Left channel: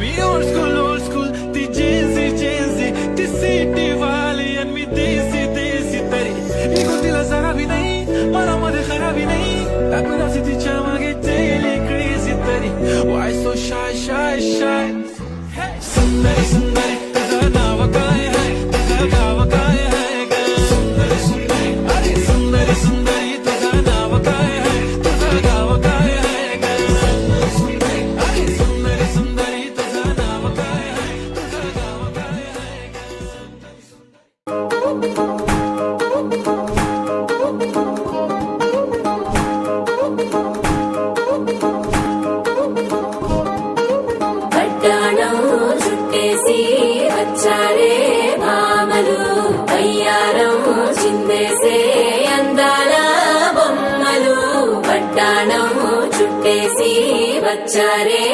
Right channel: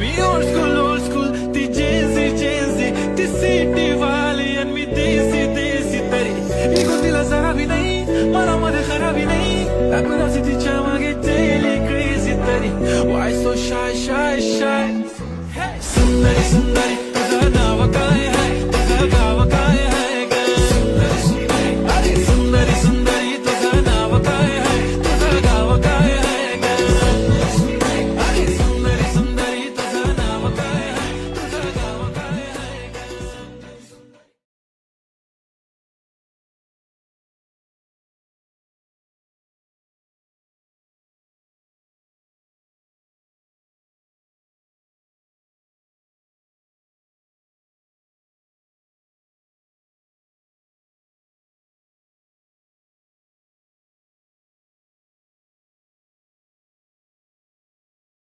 మీ old school తి JG తి city वाली and मी देसी तरी ఈ గుండెల జరా भी नहीं मरा मध्ये खरा भी नहीं आपण असे तिच्या मागे daily crazy तरी why so shy hey सुंदरी तुझं नाव काय है तुझं गाव काय है अरे सुंदरी तुझं नाव काय है तुझं गाव काय है अरे सुंदरी तुझं नाव काय है तुझं गाव काय है పట్టాణం చుట్టేసి వచ్చారే భామలు అయ్యారం చిందేసే అందాల బొమ్మలు పట్టాణం చుట్టేసి వచ్చారే